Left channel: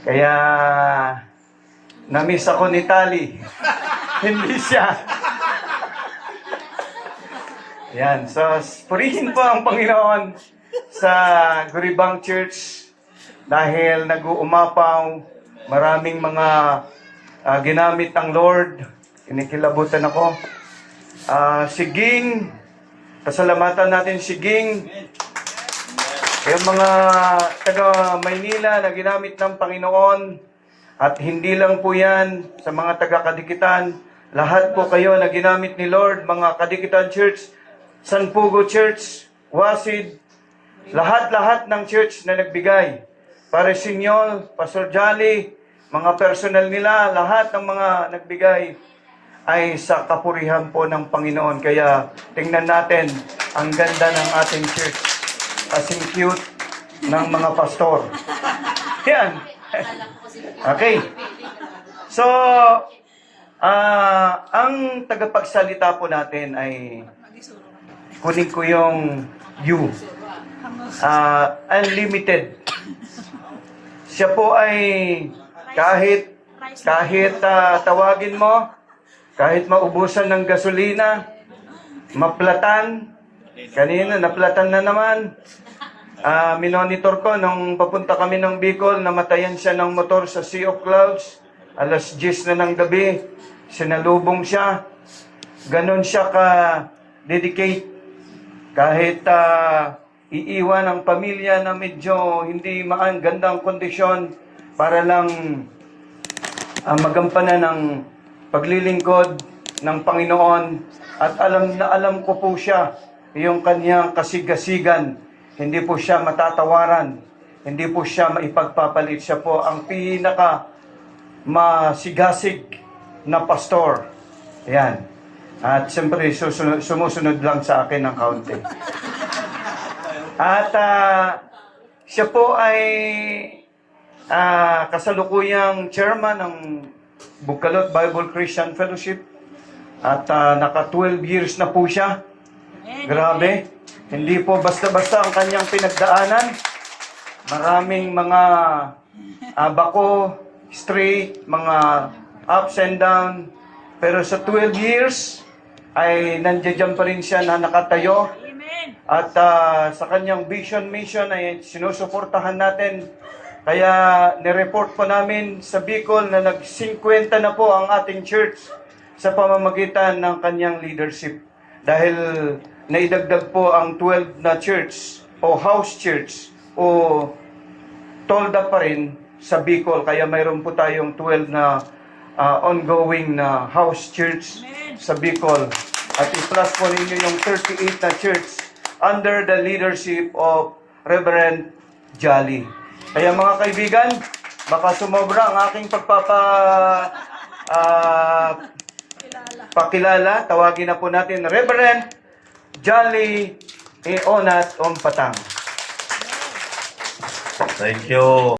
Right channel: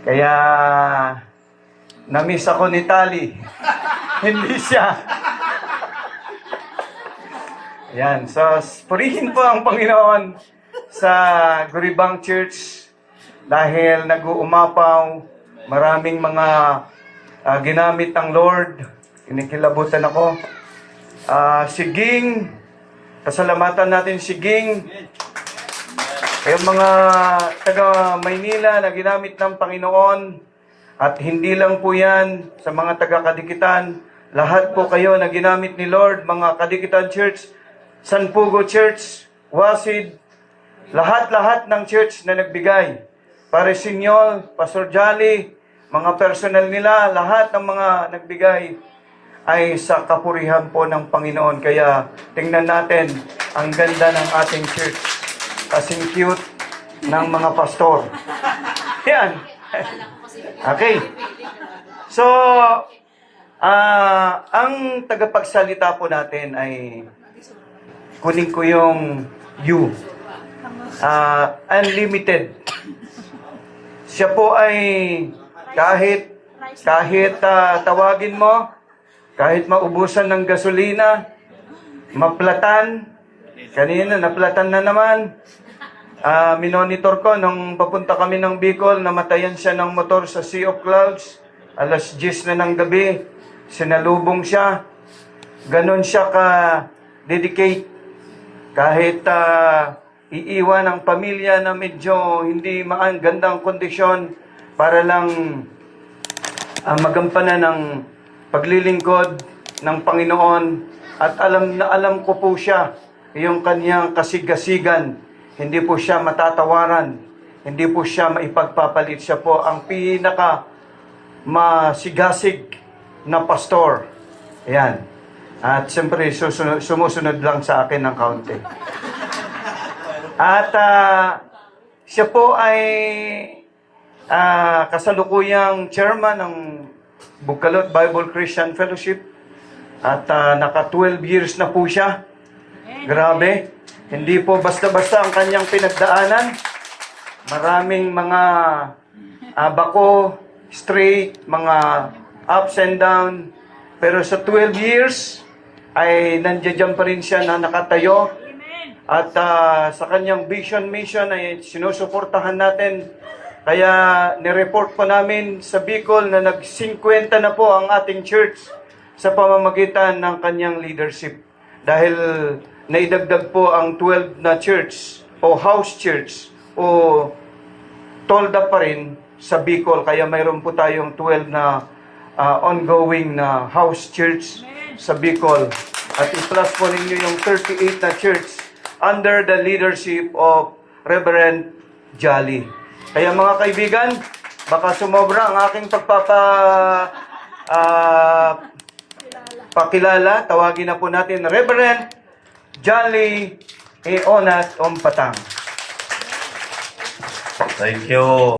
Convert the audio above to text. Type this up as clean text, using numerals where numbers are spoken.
Kaya, na-miss ako ni Tali. Hindi siya. Yan. So, purihin po ang Panginoon sa Guribang Church dahil nag-uumapaw. Maraming mga ginamit ng Lord. Kinikilabutan ako. Si Ging, pasalamatan natin si Ging. Yung mga taga Maynila na ginamit ng Panginoon, at hindi lang po yan sa mga taga Kadikitan, lahat po kayo na ginamit ni Lord, mga Kadikitan Church, San Pugo Church, Wasid, lahat-lahat ng church na nagbigay. Parisinyol, Pastor Jolly, mga personal nila, lahat ng mga nagbigay ay sa kapurihan po ng Panginoon. Kaya tingnan natin ang ganda ng ating church. Kasing cute ng mga pastor. Yan. Okay. So, ang tagapagsalita po natin ay kunin ko yung you. Unlimited. Siya po ay kahit tawagin mo, kahit maubusan ng gasolina, maplatan, kanina naplatan na naman. Minonitor ko nung papunta kami ng Bicol, namatayan siya ng motor sa Sea of Clouds. Alas 10 na ng gabi, sinalubong siya. Ganon siya ka-dedicate. Kahit iiwan ang pamilya na medyo hindi gandang kondisyon para lang magampanan ng paglilingkod ng Panginoon. At alam ko po siya, yung kanyang kasigasigan. Hindi po siya matatawaran. Hindi po siya maipagpapalit. Siya po ang pinaka masigasig na pastor. Ayan. At siyempre, sumusunod lang sa akin ng kaunti. At siya po ay kasalukuyang chairman ng Bukalot Bible Christian Fellowship. At naka 12 years na po siya. Grabe. Hindi po basta-basta ang kanyang pinagdaanan. Maraming mga bako, straight, mga ups and down. Pero sa 12 years, ay nandiyan pa rin siya na nakatayo. At sa kanyang vision mission ay sinusuportahan natin. Kaya nireport po namin sa Bicol na nag-50 na po ang ating church sa pamamagitan ng kanyang leadership. Dahil naidagdag po ang 12 na church o house church o tolda pa rin sa Bicol. Kaya mayroon po tayong 12 na ongoing na house church sa Bicol. At i-plus po ninyo yung 38 na church under the leadership of Reverend Jolly. Kaya mga kaibigan, baka sumobra ang aking pakilala. Tawagin na po natin Reverend Jolly Ionat Ompatang. Thank you.